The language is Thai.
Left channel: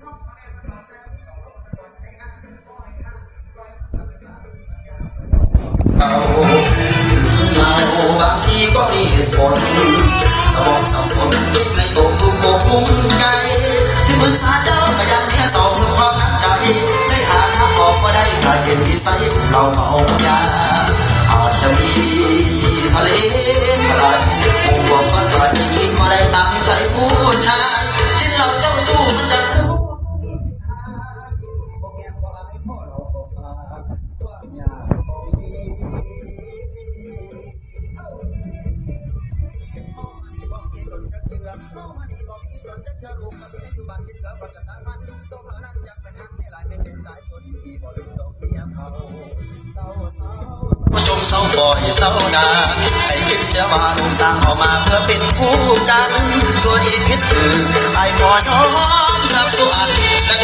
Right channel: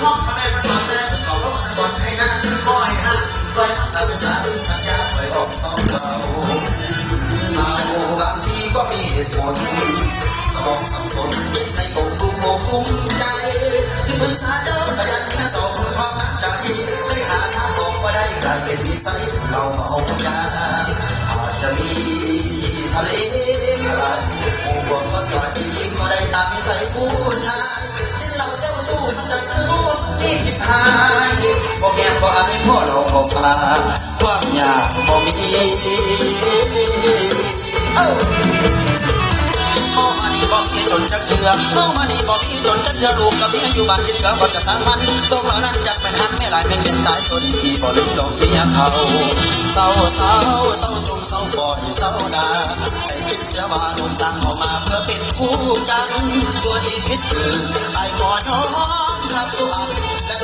ห้องมาได้มาสอนได้ขอร้องก่อนให้นะก็ให้ฮะก็ให้ทำเป็นสาธุสัญญาไว้บอกสองเราบางทีก็มีเหตุผลสมองสับสนคิดในตัวภูมิใจที่มือสาเจ้าอายันแค่สองความตั้งใจได้หาทางออกก็ได้กลายเป็นนิสัยเราเมายาอาจจะมีทะเลอะไรมุมมองสักวันนี้ก็ได้ตามนิสัยผู้ชายที่เราเจ้าสู้มันจะคู่นี่คิดหายพ่อแม่พ่ออายพ่อเราออกมาความยากพ่อมีพ่อมานี่บอกมีจนจะเกลือพ่อมานี่บอกมีจนจะเกลือลูกกับเมียอยู่บ้านกินกับวันจะสร้างมันส่งแล้วนั้นจากเป็นหักไม่หลายเป็นตายส่วนที่บ่ลืมดอกเมียเขาเศร้าจงเศร้าบ่อยเศร้าดาให้คิดเสียว่าลูกสร้างออกมาเพื่อเป็นคู่กันส่วนอีกคิดตื่นไอ้พ่อน้อง